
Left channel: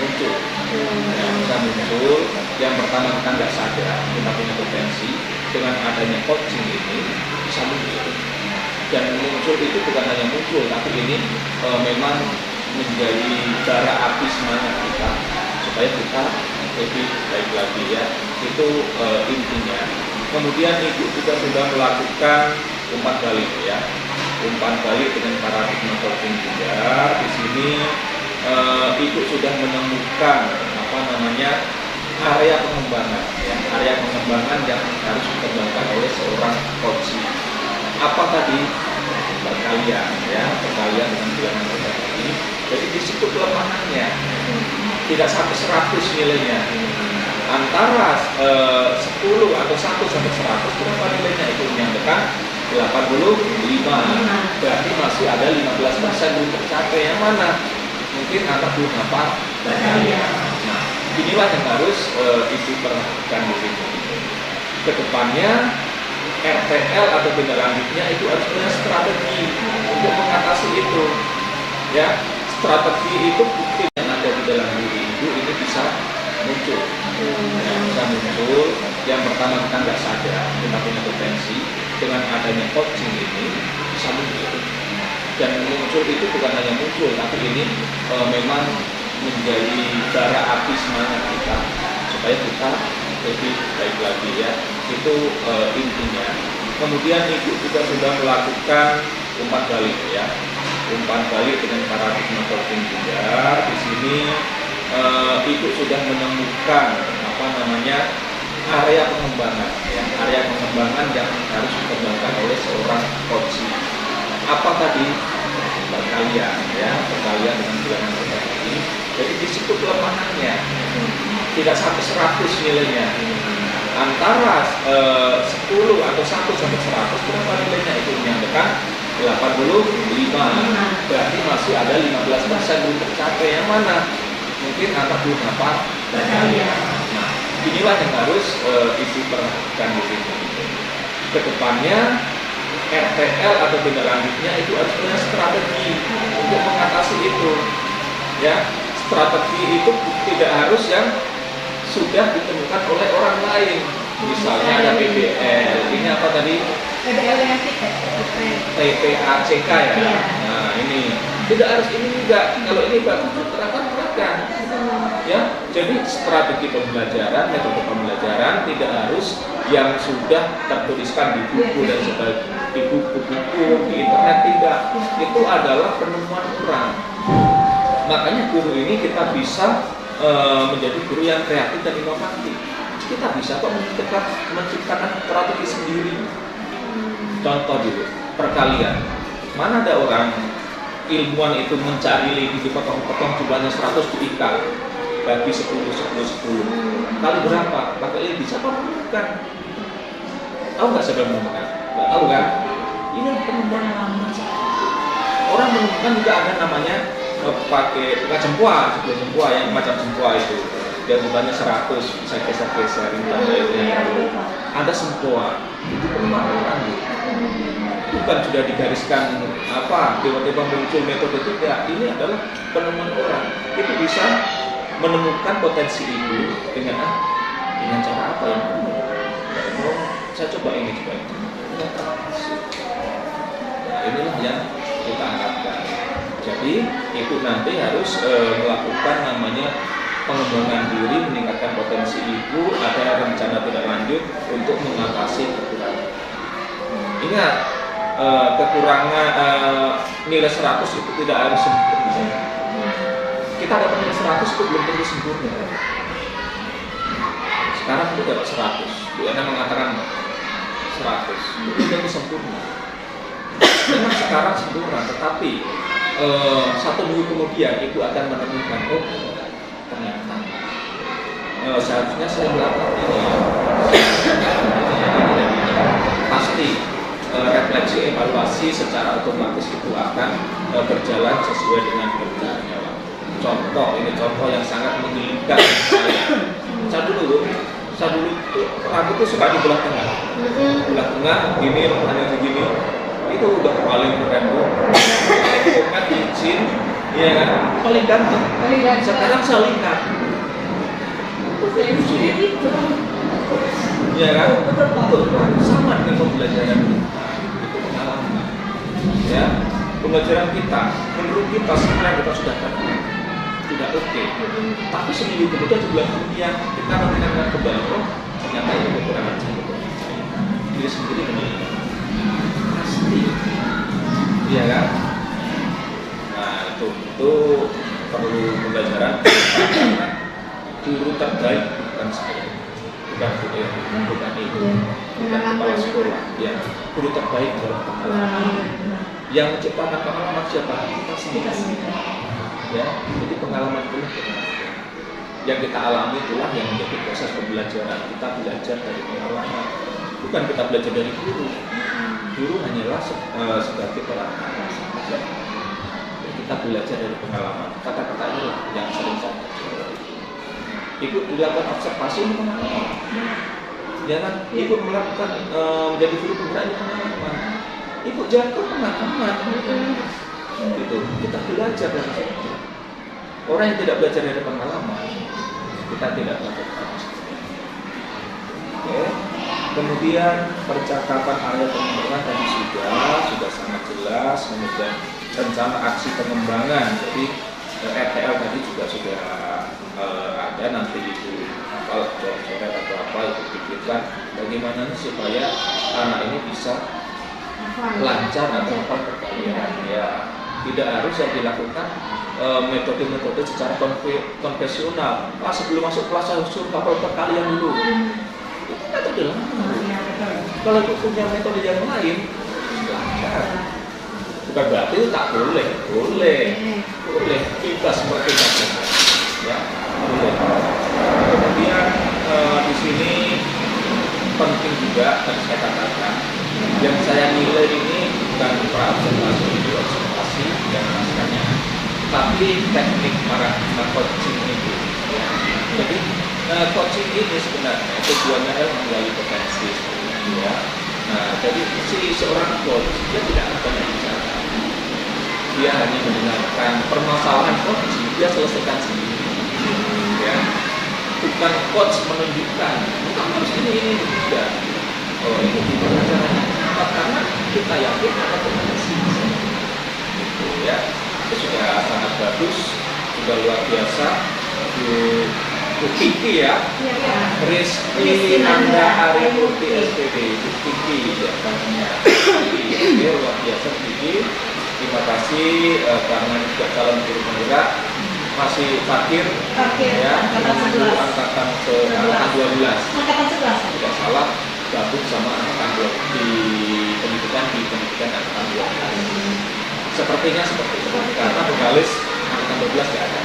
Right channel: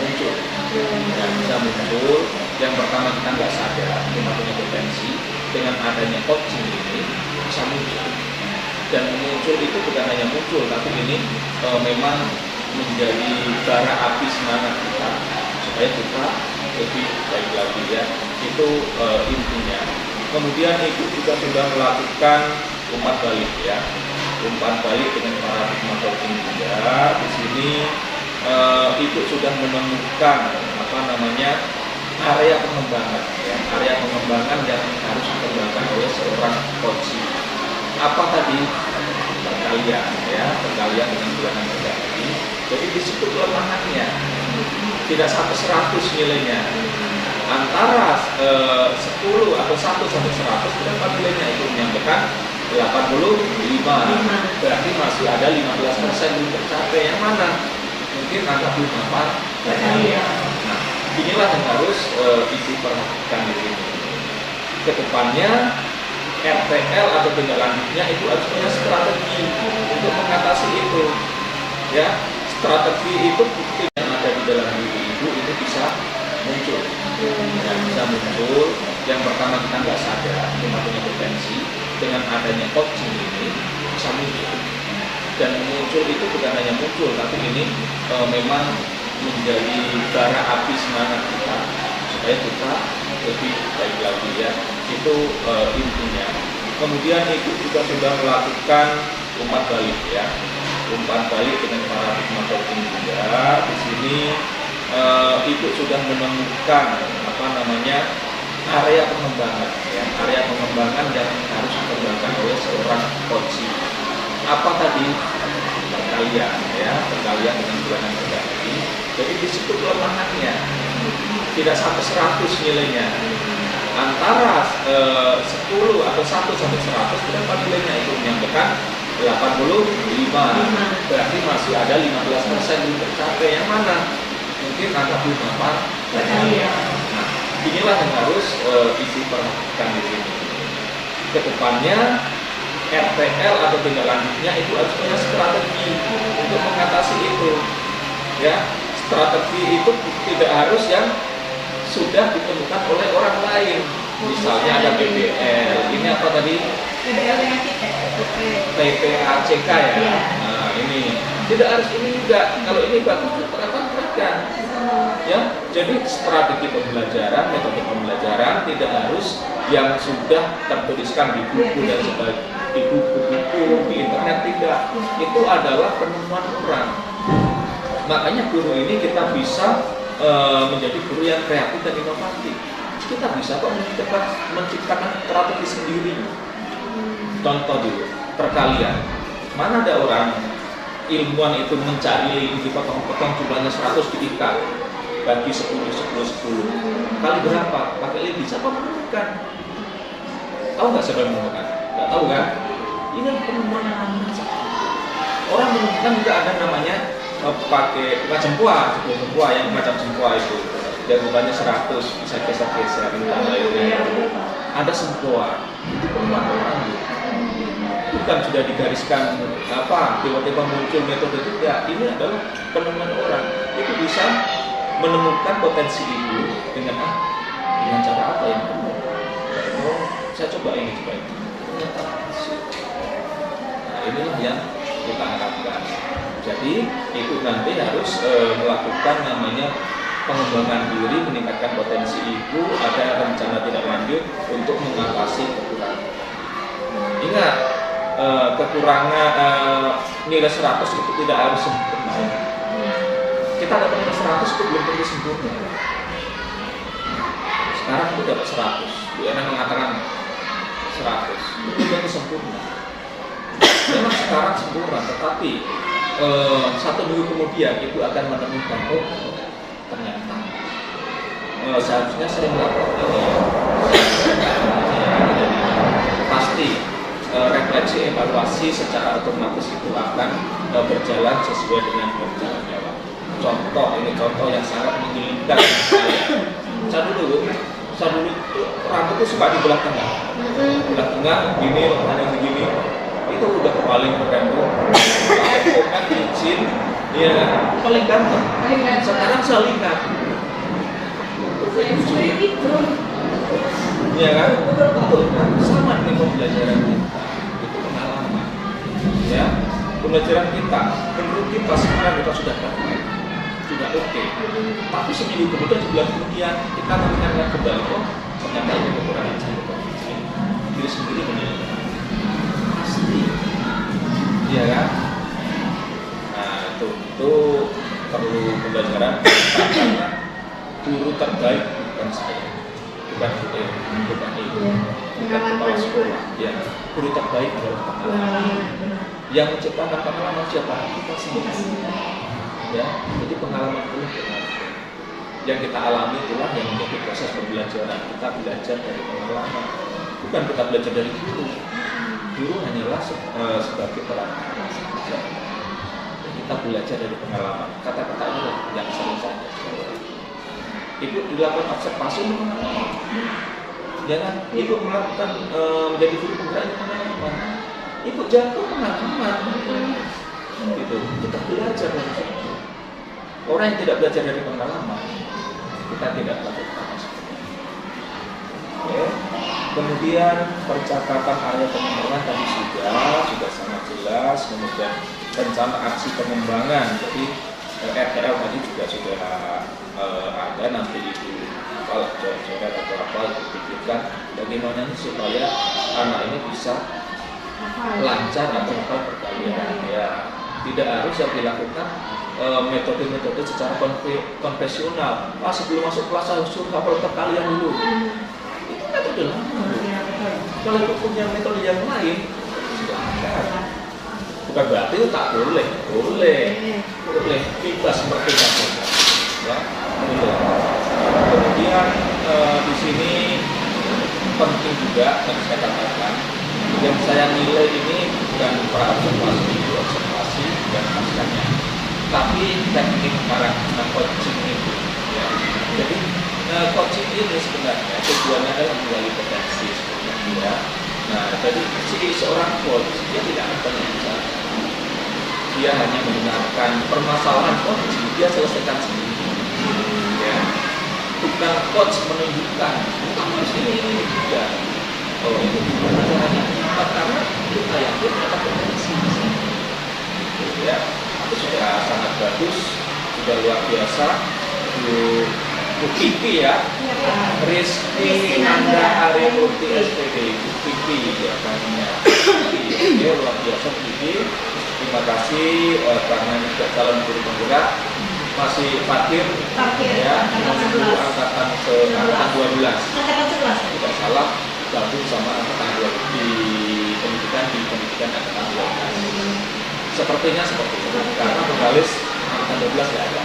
muncul, ya, bisa muncul. Yang pertama, kita nggak sadar kita punya potensi, dengan adanya coaching ini bisa muncul. Dan muncul itu bukan hanya muncul, tapi ini memang menjadi bara api semangat kita supaya kita lebih baik lagi ya. Itu intinya. Kemudian ibu juga sudah melakukan umpan balik ya, umpan balik dengan paradigma coaching juga. Di sini ibu sudah menemukan area pengembangan ya, area pengembangan yang harus dikembangkan oleh seorang coach. Apa tadi? perkalian ya, perkalian dengan bilangan rendah tadi. Jadi di situ kelemahannya tidak sampai 100 nilainya. Antara 10 atau 1 sampai 100 berapa nilainya? Itu menyampaikan 85. Berarti masih ada 15% belum tercapai. Yang mana? Mungkin angka belum hafal perkalian. Nah, inilah yang harus Ibu perhatikan di sini. Kedepannya RTL atau tindak lanjutnya itu harus punya strategi untuk mengatasi itu. Ya, strategi itu bukti yang ada di dalam diri Ibu ini bisa muncul. Ya, bisa muncul. Yang pertama kita nggak sadar kita punya potensi, dengan adanya coaching ini bisa muncul. Dan muncul itu bukan hanya muncul, tapi ini memang menjadi bara api semangat kita supaya kita lebih baik lagi ya. Itu intinya. Kemudian Ibu juga sudah melakukan umpan balik ya, umpan balik dengan paradigma coaching juga. Di sini Ibu sudah menemukan area pengembangan ya, area pengembangan yang harus dikembangkan oleh seorang coach. Apa tadi? Perkalian ya, perkalian dengan bilangan rendah tadi. Jadi di situ kelemahannya tidak sampai 100 nilainya. Antara 10 atau 1 sampai 100 berapa nilainya? Itu menyampaikan 85. Berarti masih ada 15% belum tercapai. Yang mana? Mungkin angka belum hafal perkalian. Nah, inilah yang harus Ibu perhatikan di sini. Kedepannya RTL atau tindak lanjutnya itu harus punya strategi untuk mengatasi itu. Ya, strategi itu tidak harus yang sudah ditemukan oleh orang lain. Misalnya ada PBL, ini apa tadi? PBL dengan TPACK ya. Nah, ini tidak harus ini juga. Kalau ini bagus terapkan. Ya, jadi strategi pembelajaran, metode pembelajaran tidak harus yang sudah tertuliskan di buku dan sebagainya, di buku-buku di internet, tidak. Itu adalah penemuan orang. Makanya guru ini kita bisa menjadi guru yang kreatif dan inovatif. Kita bisa kok menciptakan strategi sendiri. Contoh dulu, perkalian. Mana ada orang ilmuwan itu mencari lidi dipotong-potong jumlahnya 100 diikat bagi 10 kali berapa? Pakai lidi. Siapa menemukan? Tahu nggak siapa yang menemukan? Nggak tahu kan? Ini penemuan orang menemukan juga ada namanya pakai cempua, sebuah cempua yang macam cempua itu. Dia jumlahnya 100 bisa geser-geser tanda itu. Ada cempua. Itu penemuan orang gitu. Bukan sudah digariskan tiba-tiba muncul metode itu ya. Ini adalah penemuan orang. Itu bisa menemukan potensi Ibu dengan cara apa yang benar. Saya coba ini. Nah, inilah yang kita harapkan. Jadi Ibu nanti harus melakukan namanya pengembangan diri, meningkatkan potensi Ibu, ada rencana tidak lanjut untuk mengatasi kekurangan. Ingat, kekurangan nilai 100 itu tidak harus sempurna. Kita dapat nilai 100 itu belum tentu sempurna. Sekarang aku dapat 100, Bu Ena mengatakan 100, itu belum tentu sempurna. Memang sekarang sempurna, tetapi 1 minggu kemudian Ibu akan menemukan, ternyata seharusnya saya melakukan ini ya. Ini pasti refleksi evaluasi secara otomatis itu akan berjalan sesuai dengan berjalannya waktu. Contoh yang sangat menggelikan saya dulu rambut itu suka di belah tengah, gini, hanya begini. Itu udah paling keren tuh. Komen izin, ya kan? Paling ganteng. Sekarang saya lihat. Ya kan? Betul. Sama dengan pembelajaran kita. Itu pengalaman. Ya, pembelajaran kita. Menurut kita sekarang kita sudah perfect, sudah oke. Tapi seminggu kemudian, sebulan kemudian kita mengingatkan kembali, ternyata ini kekurangan saya. Diri sendiri menilai. Iya kan? Nah itu perlu pembelajaran. Guru terbaik bukan saya, bukan Bu Er, bukan Ibu, bukan kepala sekolah. Ya, guru terbaik adalah pengalaman. Yang menciptakan pengalaman siapa? Kita sendiri. Ya, jadi pengalaman itu berarti yang kita alami itulah yang menjadi proses pembelajaran. Kita belajar dari pengalaman, bukan kita belajar dari guru. Guru hanyalah sebagai perantara saja. Kita belajar dari pengalaman. Kata-kata inilah yang sering saya jawab. Ikut dilakukan observasi ini pengalaman. Ya kan? Ikut melakukan menjadi guru penggerak ini pengalaman. Ikut jatuh pengalaman. Gitu. Kita belajar dari situ. Orang yang tidak belajar dari pengalaman, kita tidak lakukan. Oke. Kemudian percakapan area pengembangan tadi sudah sangat jelas. Kemudian rencana aksi pengembangan, jadi RTL tadi juga sudah ada, nanti itu apalah coret-coret atau apa itu pikirkan bagaimana supaya anak ini bisa lancar atau hafal perkalian. Ya, tidak harus yang dilakukan metode-metode secara konvensional. Sebelum masuk kelas harus suruh hafal perkalian dulu. Itu metode lama. Kalau itu punya metode yang lain, silakan. Bukan berarti itu tak boleh, boleh kita seperti itu, ya boleh. Kemudian di sini penting juga tadi saya katakan, yang saya nilai ini bukan pra-observasi itu observasi dan naskahnya, tapi teknik para coaching itu. Ya. Jadi coaching ini sebenarnya tujuannya adalah menggali potensi sebenarnya. Ya. Nah, jadi si seorang coach dia tidak akan bicara, dia hanya mendengarkan permasalahan coach, dia selesaikan sendiri. Ya, bukan coach menunjukkan, kamu harus ini dan ini gimana caranya? Kenapa? Karena kita yakin ada potensi. Ya, itu sudah sangat bagus, sudah luar biasa. Bu Kiki ya, Rizky Nanda Arimurti SPD, Bu Kiki ya namanya. Oke, luar biasa Bu Kiki. Terima kasih karena juga calon guru penggerak, masih parkir ya, menuju angkatan 12. Tidak salah, gabung sama angkatan 12 di pendidikan angkatan 12. Sepertinya seperti itu, karena pegalis angkatan 12 tidak ada.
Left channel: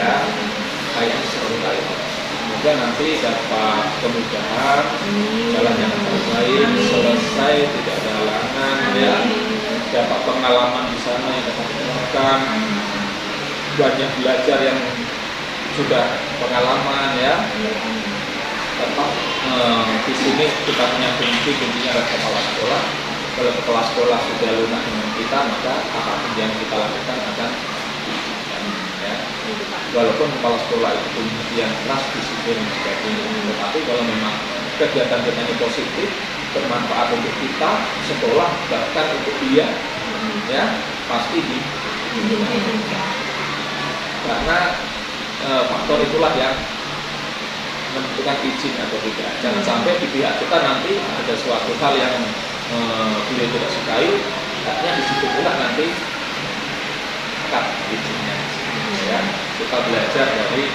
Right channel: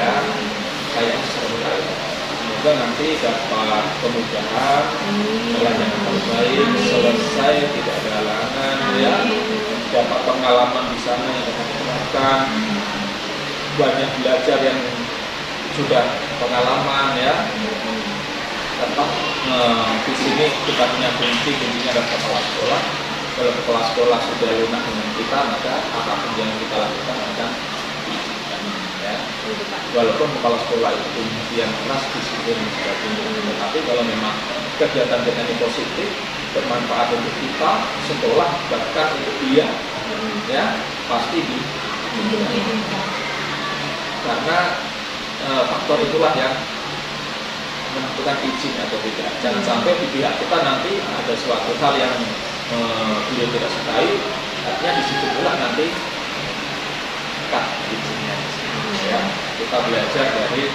Ya. Kayaknya seru kali. Semoga nanti dapat kemudahan, jalan yang terbaik, selesai tidak ada halangan, ya. Dapat pengalaman di sana yang dapat diterapkan, banyak belajar yang sudah pengalaman, ya. Tetap di sini kita punya kuncinya adalah kepala sekolah. Kalau kepala sekolah sudah lunak dengan kita, maka apapun yang kita lakukan akan ya. Walaupun kepala sekolah itu punya yang keras, disiplin dan sebagainya, tetapi kalau memang kegiatan kita ini positif, bermanfaat untuk kita, sekolah, bahkan untuk dia, ya pasti karena faktor itulah yang menentukan izin atau tidak. Jangan sampai di pihak kita nanti ada suatu hal yang beliau tidak sukai, artinya di situ pula nanti cut izinnya. Ya, kita belajar dari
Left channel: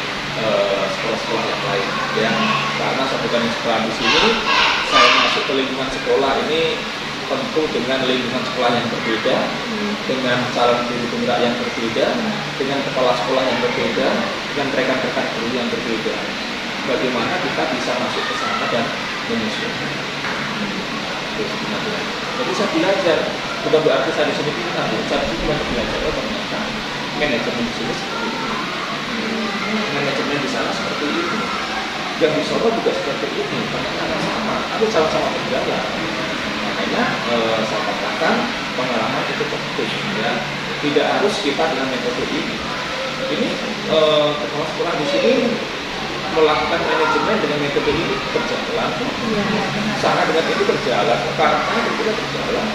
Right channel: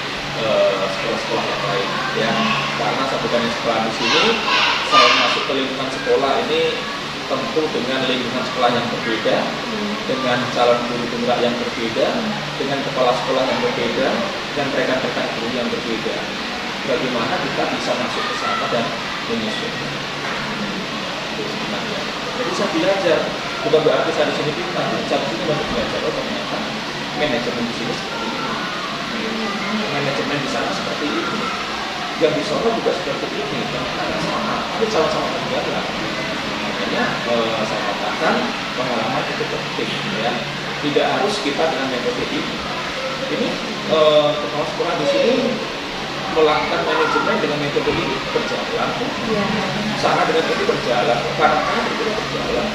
sekolah-sekolah yang lain, ya. Karena satu kali sekolah di sini, saya masuk ke lingkungan sekolah ini tentu dengan lingkungan sekolah yang berbeda, dengan calon guru penggerak yang berbeda, dengan kepala sekolah yang berbeda, dengan rekan-rekan guru yang berbeda. Bagaimana kita bisa masuk ke sana dan menyesuaikan? Jadi saya belajar, bukan berarti saya di sini pintar, saya di sini banyak belajar. Ternyata manajemen di sini seperti ini, manajemen di sana seperti ini, yang di Solo juga seperti ini, ternyata sama, tapi sama-sama berjalan. Makanya saya katakan pengalaman itu penting, ya. Tidak harus kita dengan metode ini. Ini kepala sekolah di sini melakukan manajemen dengan metode ini berjalan, sana dengan ini berjalan, karena berbeda berjalan.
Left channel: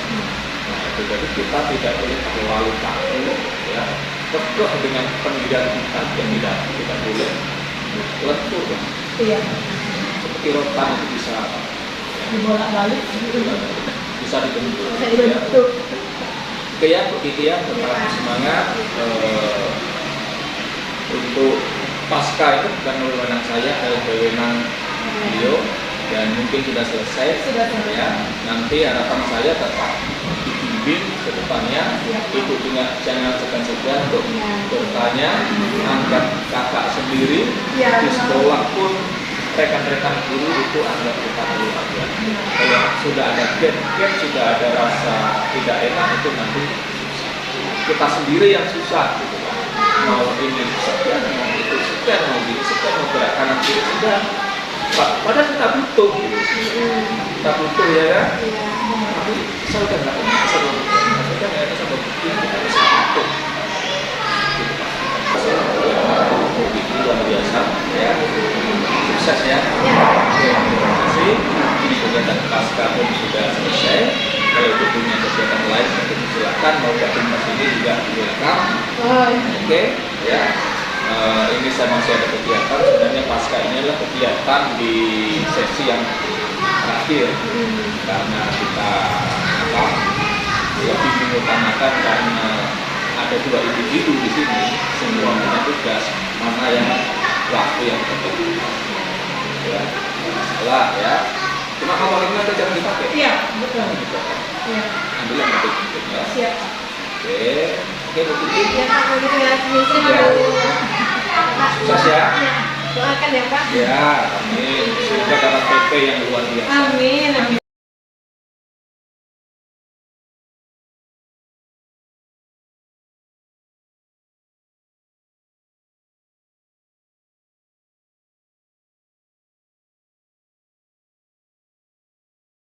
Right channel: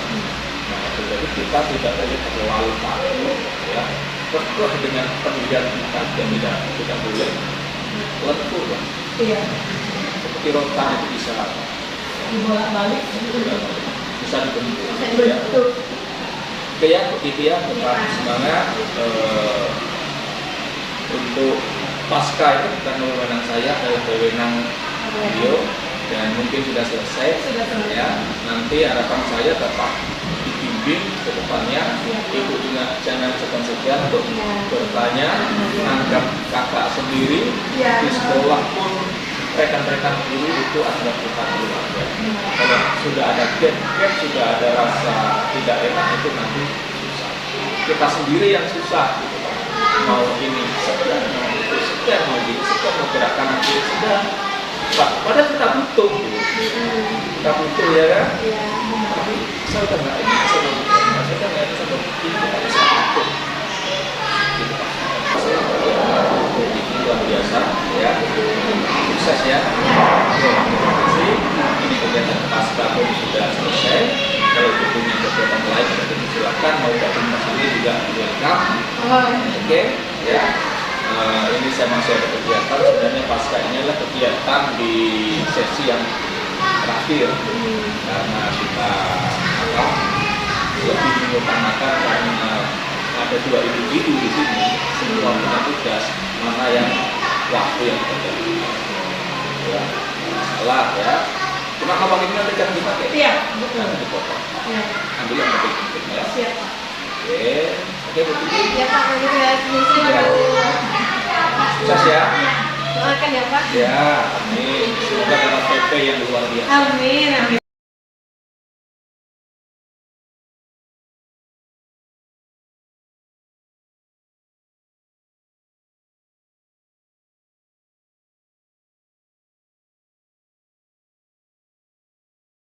Nah, itu jadi kita tidak boleh terlalu takut, ya. Kekeh dengan pendirian kita, yang tidak boleh lentur, ya. Iya. Seperti rotan itu bisa dibolak-balik, bisa dibentuk. Ya. Betul. Oke ya, begitu ya, tetap semangat. Untuk pasca itu bukan wewenang saya, adalah wewenang beliau dan mungkin sudah selesai. Ya. Nanti harapan saya tetap dibimbing bimbing ke depannya. Ibu juga jangan segan-segan untuk bertanya, anggap kakak sendiri. Di sekolah pun rekan-rekan guru itu anggap kita guru aja. Kalau sudah ada gap, sudah ada rasa tidak enak, itu nanti susah. Kita sendiri yang susah gitu Pak. Mau ini segan, mau itu segan, mau ini segan, mau gerak kanan kiri segan. Pak, padahal kita butuh gitu. Kita butuh ya kan? Tapi saya udah nggak enak sama saya udah nggak enak sama begini, kita bisa butuh. Gitu Pak. Ini luar biasa ya, sukses ya. Oke, terima kasih. Ini kegiatan pasca pun sudah selesai. Kalau punya kegiatan lain mungkin silakan, mau gabung ke sini juga welcome. Oke, ya. Ini saya masih ada kegiatan. Sebenarnya pasca ini adalah kegiatan di sesi yang terakhir karena kita lebih mengutamakan karena ada 2 individu di sini, semua punya tugas, mana yang waktu yang terbaik. Ya, masalah ya. Cuma kalau ini nanti jangan dipakai. Iya, betul. Jangan dipotong. Iya. Ambil yang penting ya. Siap. Oke, Bu Titi. Ya Pak, kalau gitu ya. Sukses ya. Doakan ya Pak. Ya, amin. Semoga dapat PP yang luar biasa. Amin.